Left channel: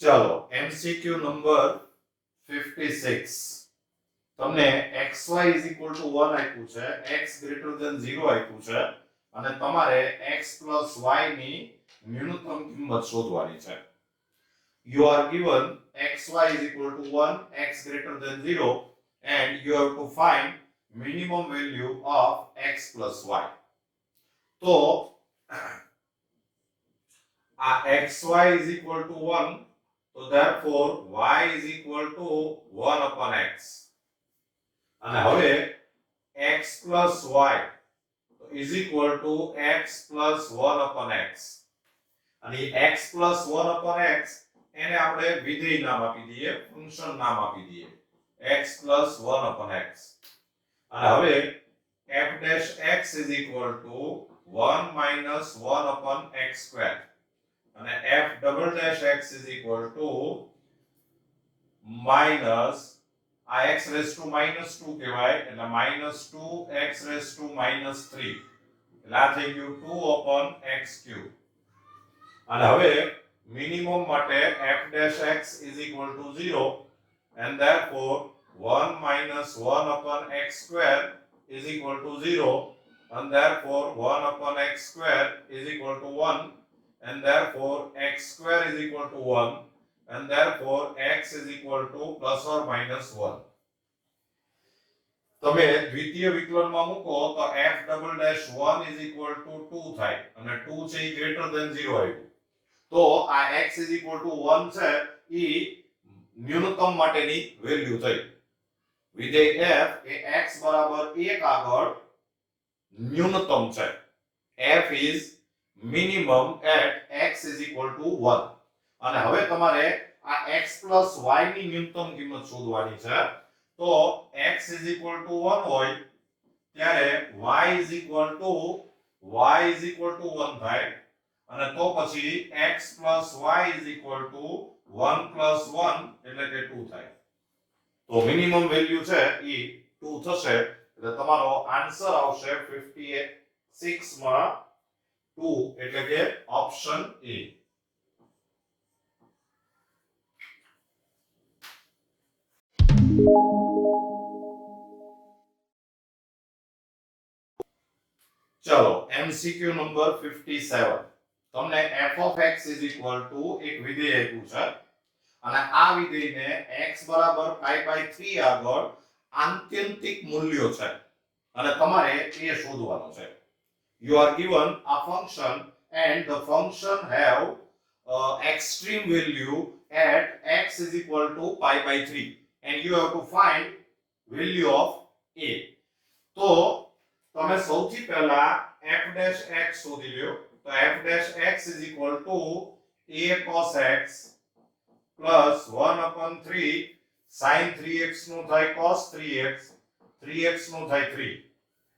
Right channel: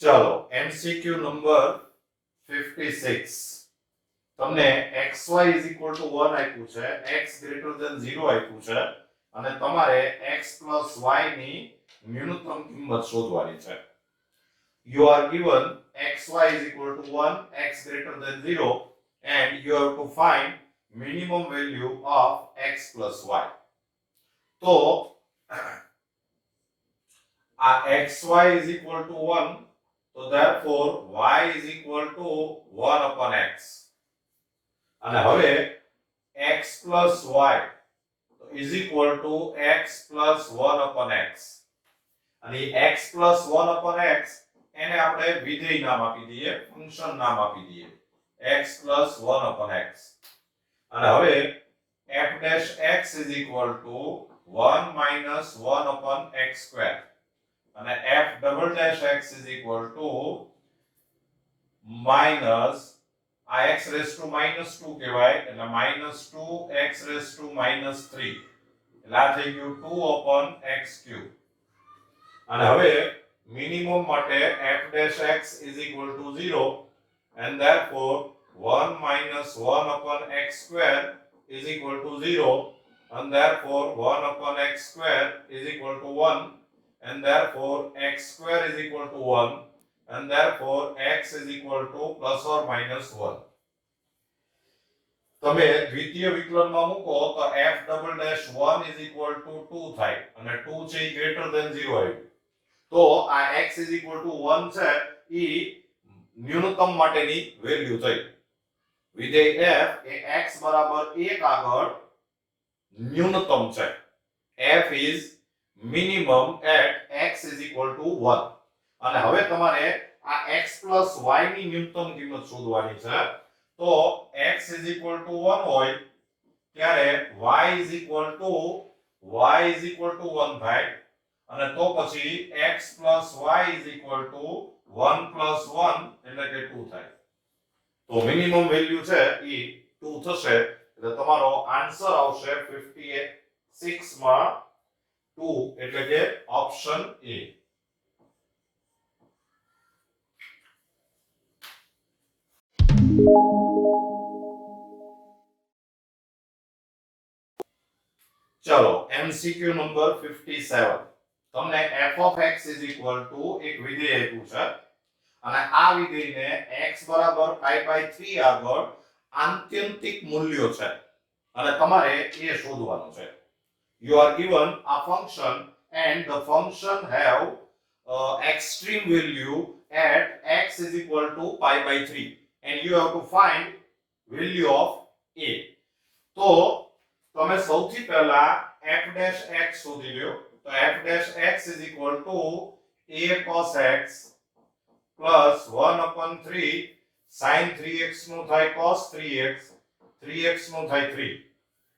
चलो MCQ number 56 તમને xy = 1 આપ્યું છે, x > 0 આપ્યું છે અને તમારે x + y ની ન્યૂનતમ કિંમત શોધવાની છે. You are given xy = 1, x > 0 and you have to find minimum value of x + y. તો આ xy = 1, so therefore y = 1/x. અને હવે x + y = x + 1/x. અને x + 1/x એને આપણે વિધેય નામ આપી દઈએ, ફંક્શન નામ આપી દઈએ, x + 1/x. અને હવે f'(x) = 1 - 1/x². અને f'(x) = માઈનસ આ x⁻² કહેવાય એટલે -2x⁻³ એટલે આ થઈ ગયું 2/x³. અને હવે મિનિમમ માટે f'(x) = 0 and therefore 1 - 1/x² = 0 and therefore 1/x² = 1 and therefore x² = 1 and therefore x = ±1. તમે દ્વિતીય વિકલનમાં મૂકો તો f'(1) = 2 થાય અને 2 છે ઈ > 0 આવ્યું. તો આ x = 1 છે ઈ ન્યૂનતમ માટેની વેલ્યુ થઈ. વિધેય f એ x = 1 આગળ ન્યૂનતમ છે. f is minimum at x = 1. અને હવે તમારે આ x + y ની ન્યૂનતમ કિંમત શોધવાની છે. તો x = 1 હોય ત્યારે y = 1 થાય અને તો પછી x + y = 1 + 1 એટલે કે 2 થાય. તો મિનિમમ વેલ્યુ છે ઈ 2 થશે એટલે તમારો આન્સર આવશે 56 માં 2 એટલે કે ઓપ્શન એ. ચલો MCQ નંબર 57 તમને f(x) = એક વિધેય આપ્યું છે અને આ વિધેયને x = π/3 આગળ આત્યંતિક મૂલ્યો છે અને તમારે એ શોધવાનું છે. You are given a function and the function have extreme value at x = π/3 and you have to find value of a. તો તમે સૌથી પહેલા f'(x) શોધી લ્યો. તો f'(x) = a cos x plus 1/3 sin 3x નું થાય cos 3x 3x નું થાય 3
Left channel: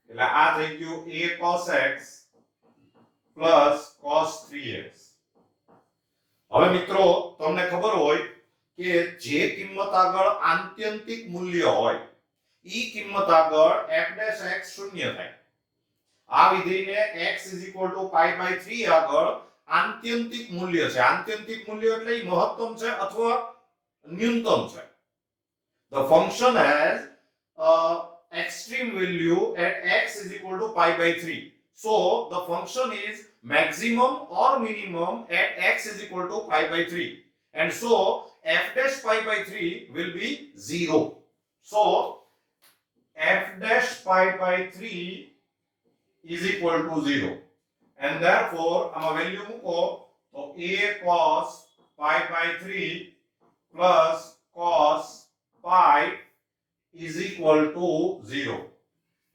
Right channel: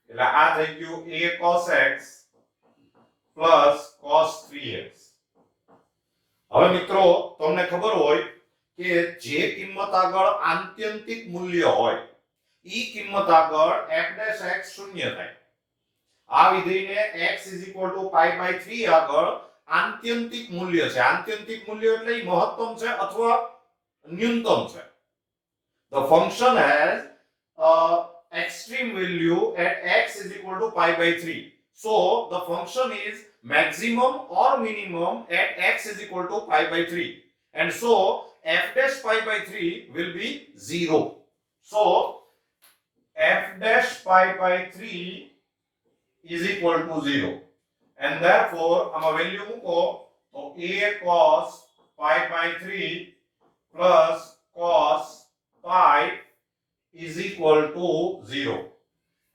એટલે આ થઈ ગયું a cos x plus cos 3x. હવે મિત્રો તમને ખબર હોય કે જે કિંમત આગળ આત્યંતિક મૂલ્ય હોય ઈ કિંમત આગળ f'(x) શૂન્ય થાય. આ વિધેયને x = π/3 આગળ આત્યંતિક મૂલ્ય છે. આત્યંતિક મૂલ્ય એટલે ઈ મહત્તમ છે અથવા ન્યૂનતમ છે. The function has extreme value at x = π/3. So the function is maximum or minimum at x = π/3 and so f'(π/3) will be 0. So f'(π/3) = 0 and therefore આમાં વેલ્યુ મૂકો તો a cos π/3 plus cos pi = 0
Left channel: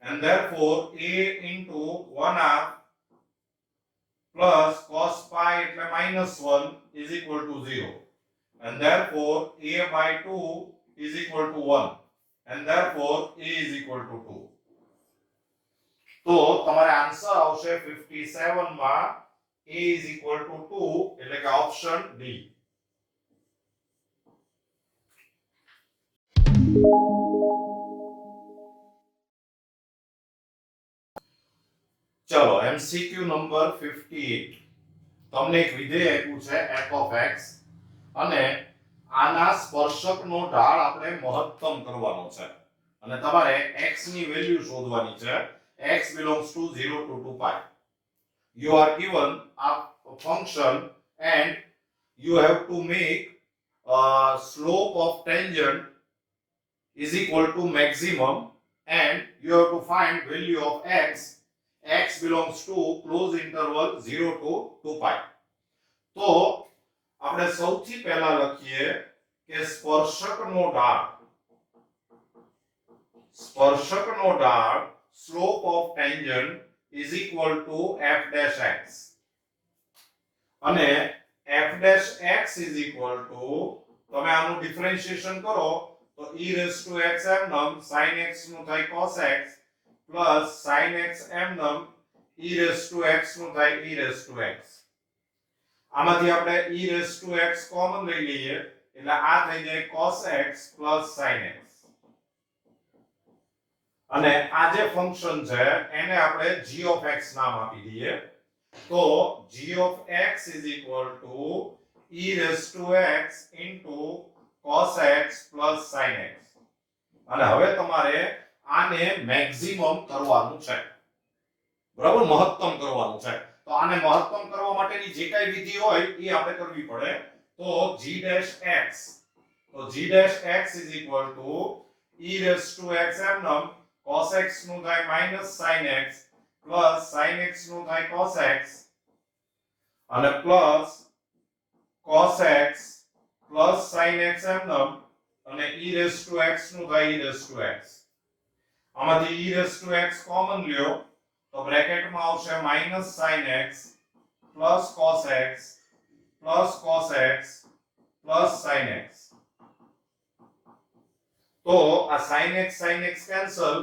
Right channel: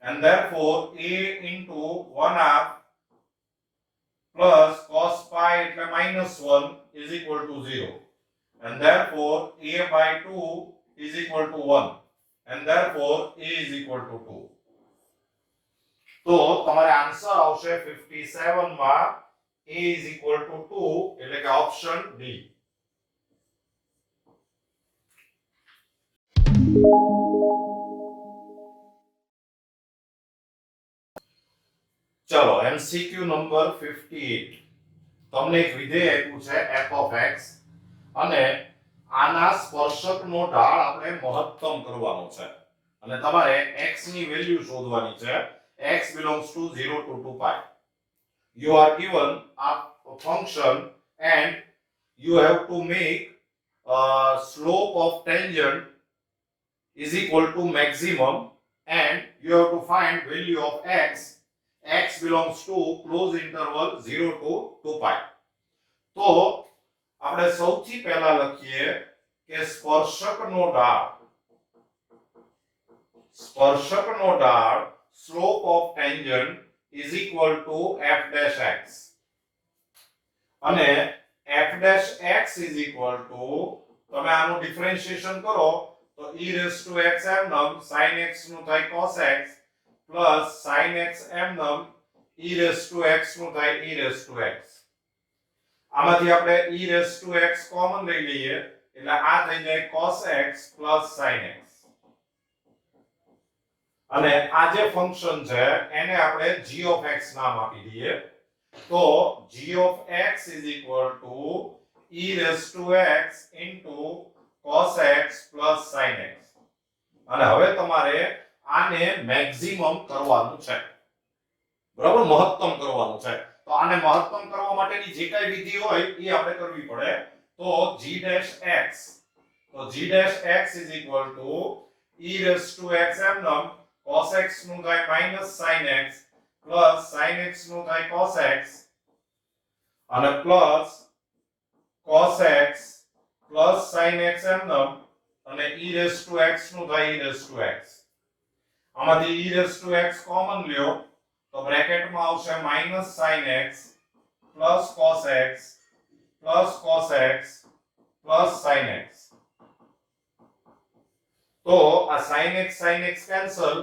and therefore a into 1/2 plus cos pi એટલે -1 = 0 and therefore a/2 = 1 and therefore a = 2. તો તમારે answer આવશે 57 માં a = 2 એટલે કે ઓપ્શન ડી. ચલો એમસીક્યુ નંબર 58 તમને એક વિધેય આપ્યું છે f of x અને આના સ્પર્શકનો ઢાળ આપણે મહત્તમ કરવાનો છે અને તમારે x ની વેલ્યુ શોધવાની છે x belongs to 0 to 2 pi. You are given a function and you have to make slope of tangent is equal to maximum and you have to find value of x. X belongs to close interval 0 to 2 pi. તો આપણે સૌથી પહેલા લખીએ કે સ્પર્શકનો ઢાળ slope of tangent is equal to f dash x અને f dash x is equal to તમે આનું ડિફરન્શિએશન કરો તો e raised to x m num sin x નું થાય cos x plus sin x m num e raised to x નું થાય e raised to x. આમાંથી આપણે e raised to x common લઈ લઈએ એટલે આ થઈ જાય cos x plus sin x અને આ જે ફંક્શન છે એને આપણે g of x નામ આપી દઈએ તો g of x is equal to e raised to x into cos x plus sin x અને હવે તમારે આને મેક્સિમમ કરવાનું છે બરાબર મહત્તમ કરવાનું છે તો આને મહત્તમ કરવા માટેની જે કાઈ વિધિ હોય એ આપણે કરવી પડે તો g dash x તો g dash x is equal to e raised to x m num cos x નું થાય minus sin x plus sin x નું થાય cos x અને plus cos x plus sin x m num અને e raised to x નું થાય e raised to x આમાંથી e raised to x common લ્યો તો બ્રેકેટમાં આવશે minus sin x plus cos x plus sin x તો આ sin x કેન્સલ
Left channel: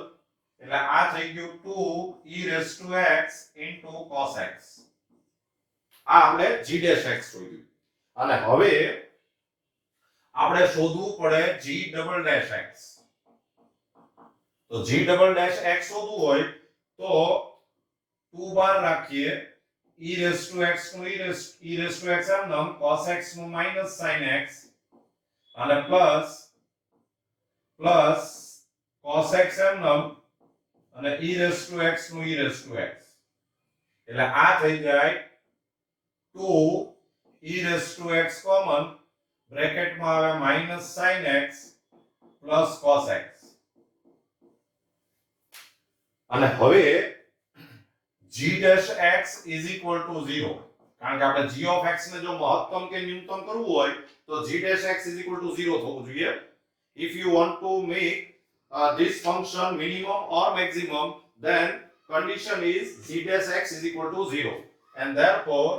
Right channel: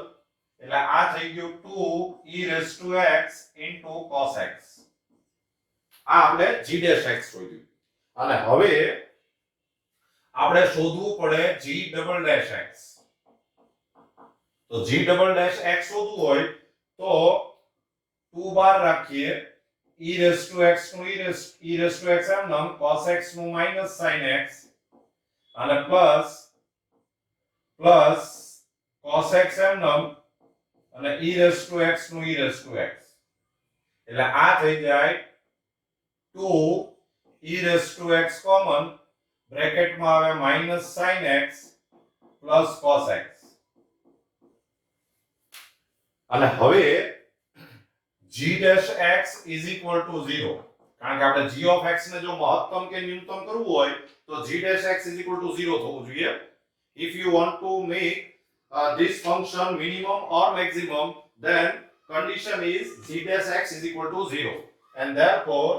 એટલે આ થઈ ગયું 2 e raised to x into cos x આ આપણે g dash x શોધ્યું અને હવે આપણે શોધવું પડે g double dash x તો g double dash x શોધવું હોય તો 2 બાર રાખીએ e raised to x નું e raised to x m num cos x નું minus sin x અને plus cos x m num અને e raised to x નું e raised to x એટલે આ થઈ જાય 2 e raised to x common બ્રેકેટમાં આવે minus sin x plus cos x અને હવે g dash x is equal to 0 કારણ કે આપણે g of x ને જો મહત્તમ કે ન્યૂનતમ કરવું હોય તો g dash x is equal to 0 થવું જોઈએ. If you want to make this function minimum or maximum, then condition is g dash x is equal to 0 and therefore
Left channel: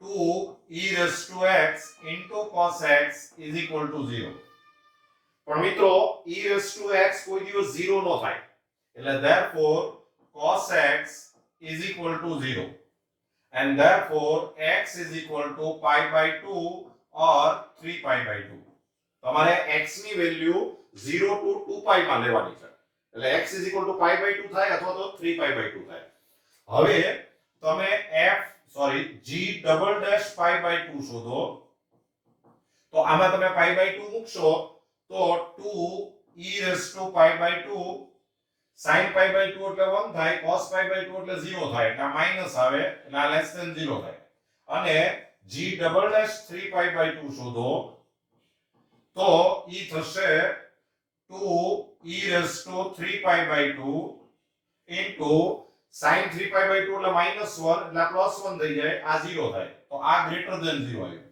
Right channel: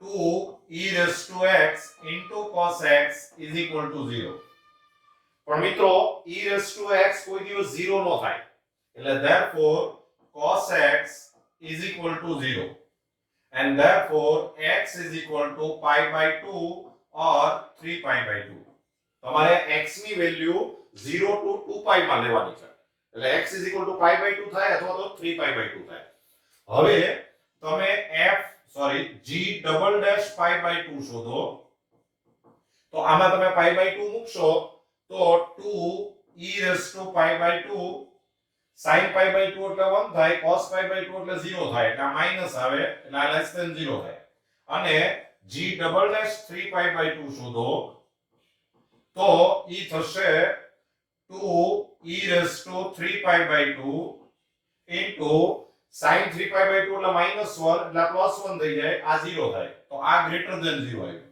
2 e raised to x into cos x is equal to 0. પણ મિત્રો e raised to x કોઈ દિવસ 0 નો થાય એટલે therefore cos x is equal to 0 and therefore x is equal to pi by 2 or 3 pi by 2. તમારે x ની value 0 to 2 pi માં લેવાની છે એટલે x is equal to pi by 2 થાય અથવા તો 3 pi by 2 થાય. હવે તમે g double dash pi by 2 શોધો તો આમાં તમે pi by 2 મૂકશો તો 2 e raised to pi by 2 sin pi by 2 એટલે 1 થાય cos pi by 2 એટલે 0 થાય એટલે માઈનસ આવે એટલે આ લેસ ધેન 0 થાય અને g double dash 3 pi by 2 શોધો તો ઈ થશે 2 e raised to 3 pi by 2 into sin 3 pi by 2 એટલે -1 એટલે +1 થઈ જાય આ 0 થાય તો આ ગ્રેટર ધેન 0 આવ્યું.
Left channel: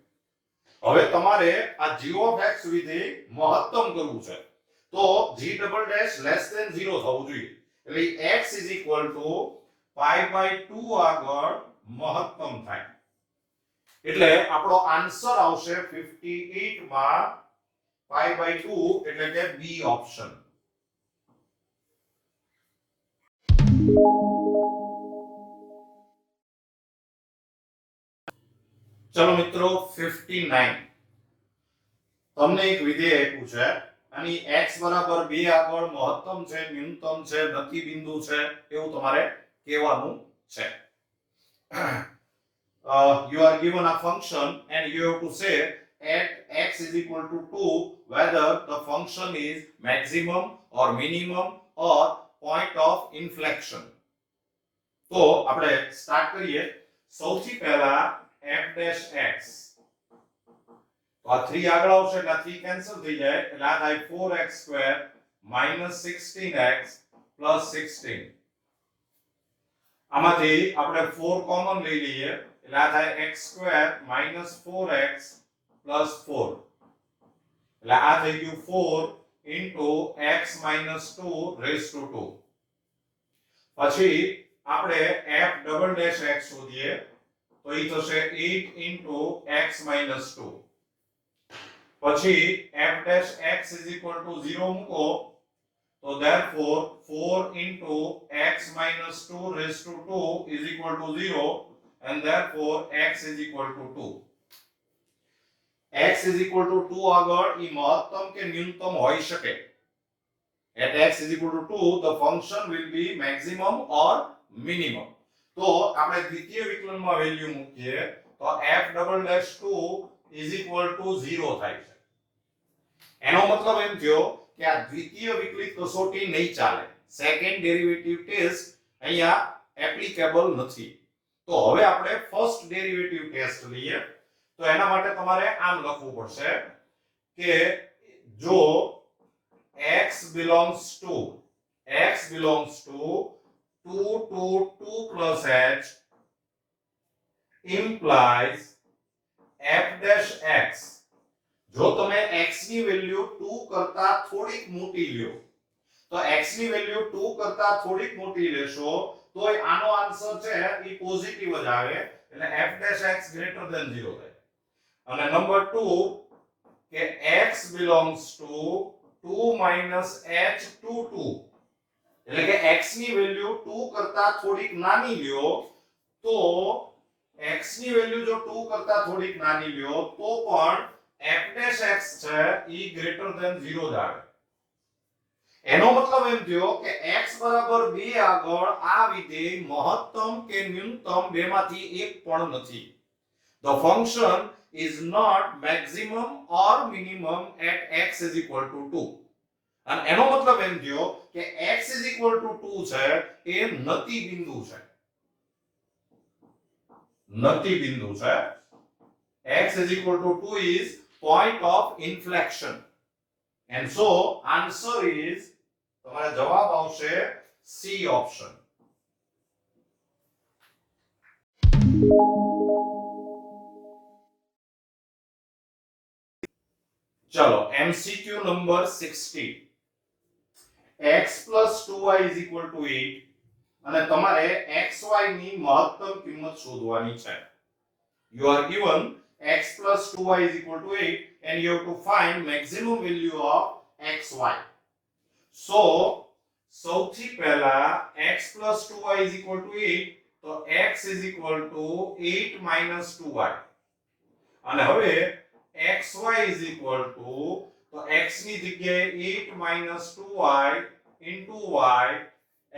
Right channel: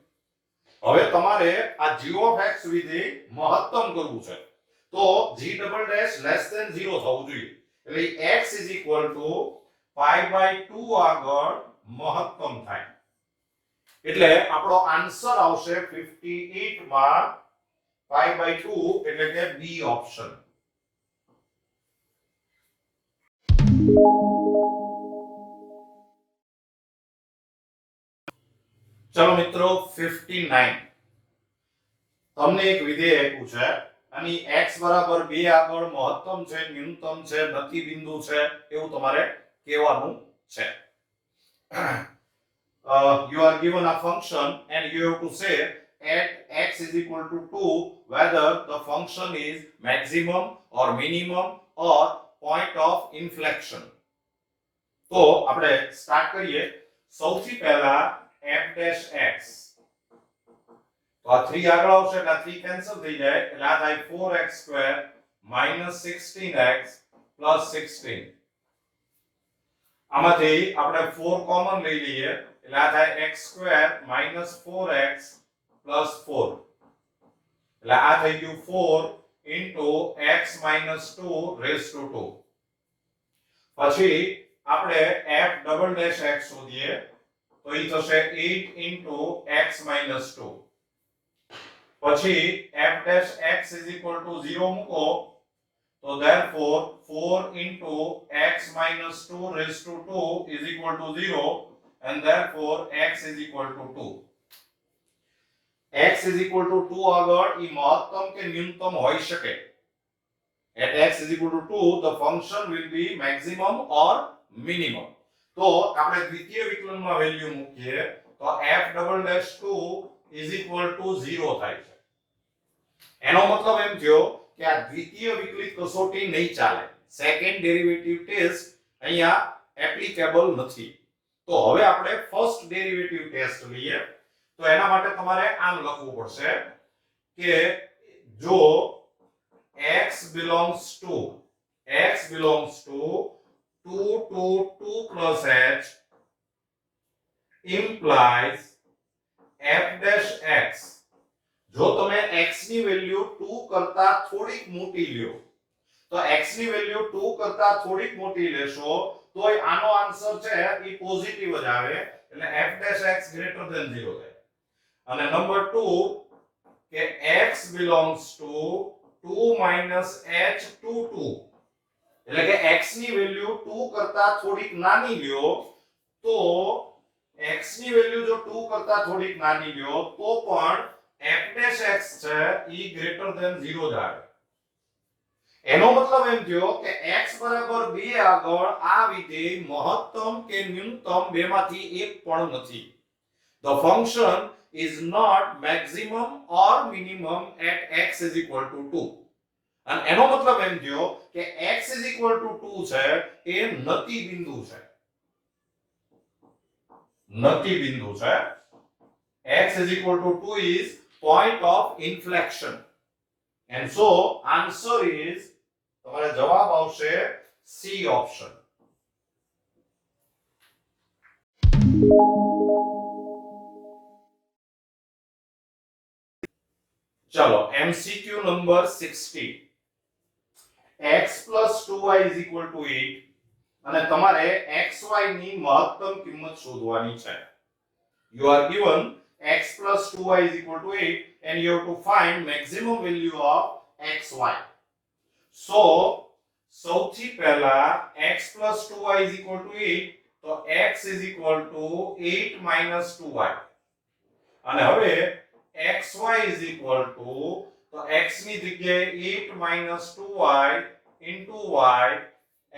હવે તમારે આ g of x વિધેય મહત્તમ કરવું છે તો g double dash less than 0 થવું જોઈએ એટલે x is equal to pi by 2 આગળ મહત્તમ થાય એટલે આપણો આન્સર આવશે 58 માં pi by 2 એટલે કે B ઓપ્શન. ચલો મિત્રો 59 તમને એક વિધેય આપ્યું છે અને x બરાબર 2 આગળ મહત્તમ છે ન્યૂનતમ છે ગતિ બિંદુ છે એવું તમારે કહેવાનું છે. You are given a function and you have to say at x is equal to 2 whether the function is maximum or minimum or point of inflection. તો આપણે સ્ટાર્ટ કરીએ. સૌથી પહેલા f dash x, તો આ 3 આગળ આવશે એટલે 3 કેન્સલ થઈ જાય એટલે આ થાય 4x² minus 16x plus 16. આમાંથી આપણે 4 કોમન લઈ લઈએ એટલે આ થાય x² minus 4x plus 4. એટલે આ થઈ ગયું 4 into x minus 2 raised to 2. પછી આપણે f double dash x શોધીએ તો ઈ થશે 8 into x minus 2. પછી f dash x is equal to 0 મૂકો તો therefore 4 into x minus 2 raised to 2 is equal to 0 and therefore x is equal to 2. x is equal to 2 આગળ ઈ મહત્તમ કે ન્યૂનતમ હોઈ શકે. At x is equal to 2 the function will be maximum or minimum. તો આપણે દ્વિતીય વિકલનમાં value મૂકીએ તો f double dash 2 is equal to 0 થાય છે. એનો મતલબ એમ થયો કે આ દ્વિતીય વિકલિત કસોટી નહીં ચાલે. સેકન્ડ ડેરિવેટિવ ટેસ્ટ અહીંયા એપ્લિકેબલ નથી. તો હવે આપણે ફર્સ્ટ ડેરિવેટિવ ટેસ્ટ લઈએ. તો એના માટે તમારે આમ લખવું પડશે કે જો x belongs to 2 to 2 plus h implies f dash x. જો તમે x ની વેલ્યુ 2 કરતા થોડીક મોટી લ્યો તો x ની વેલ્યુ 2 કરતા થોડીક મોટી લેશો તોય આનો આન્સર છે ઈ પોઝિટિવ જ આવે એટલે f dash x greater than 0 થાય. અને નંબર 2 કે x belongs to 2 minus h to 2 એટલે કે x ની વેલ્યુ 2 કરતા થોડીક નાની લ્યો તો x ની વેલ્યુ જો 2 કરતા થોડીક નાની લ્યો તો પણ f dash x છે ઈ greater than 0 જ આવે. એનો મતલબ એમ થયો કે x બરાબર 2 આગળ આ વિધેય મહત્તમ કે ન્યૂનતમ બેમાંથી એક પણ નથી. The function is not maximum or minimum at x is equal to 2. અને એનો મતલબ એમ થયો કે x is equal to 2 છે એ નતિ બિંદુ છે. નતિ બિંદુ છે. x is equal to 2 is point of inflection. And so answer is તમારા જવાબ આવશે C option. ચલો MCQ number 60. x plus 2y is equal to 8 અને તમારે xy ની મહત્તમ કિંમત શોધવાની છે. You are given x plus 2y is equal to 8 and you have to find maximum value of xy. So સૌથી પહેલા x plus 2y is equal to 8 તો x is equal to 8 minus 2y. અને હવે xy is equal to તો x ની જગ્યાએ 8 minus 2y into y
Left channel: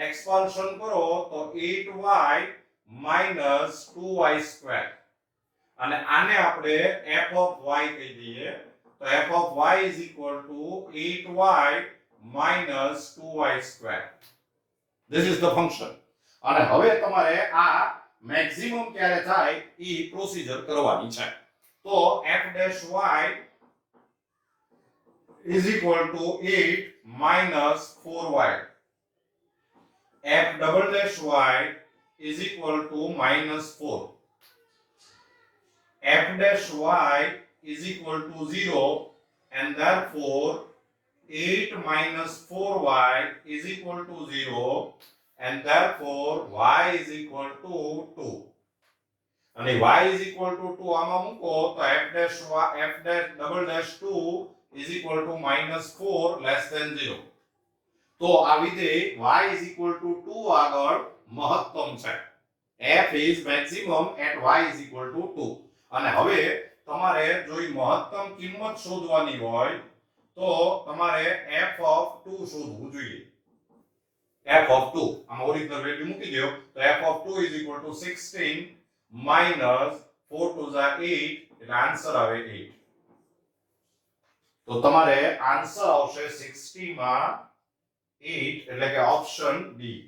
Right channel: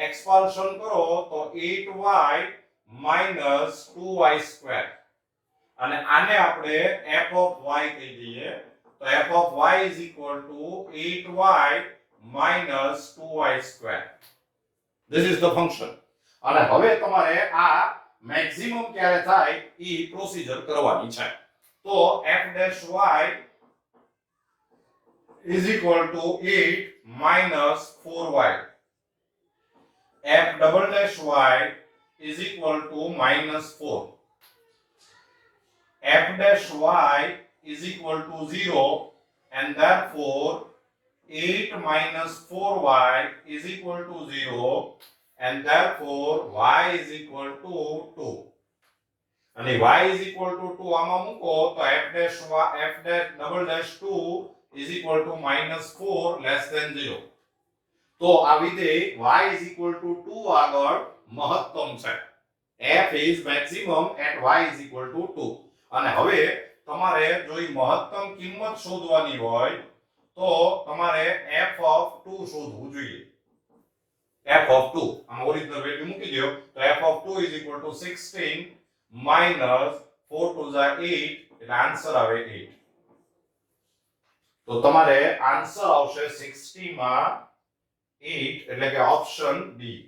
expansion કરો તો 8y minus 2y square. અને આને આપણે f of y કહી દઈએ તો f of y is equal to 8y minus 2y square. This is the function. અને હવે તમારે આ મેક્સિમમ ક્યારે થાય ઈ પ્રોસિજર કરવાની છે. તો f dash y is equal to 8 minus 4y. f double dash y is equal to minus 4. f dash y is equal to 0 and therefore 8 minus 4y is equal to 0 and therefore y is equal to 2. અને y is equal to 2 આમાં મૂકો તો f dash double dash 2 is equal to minus 4 less than 0. તો આ વિધેય y is equal to 2 આગળ મહત્તમ છે. f is maximum at y is equal to 2. અને હવે તમારે જો ઈ મહત્તમ કિંમત શોધવાની હોય તો તમારે f of 2 શોધવું જોઈએ. f of 2 આમ ઓરિજિનલ વેલ્યુ મૂકી દો તો f of 2 is equal to 16 minus 4 to the 8 એટલે આન્સર આવે 8. તો તમારે આન્સર આવશે 60 માં 8 એટલે કે ઓપ્શન ડી.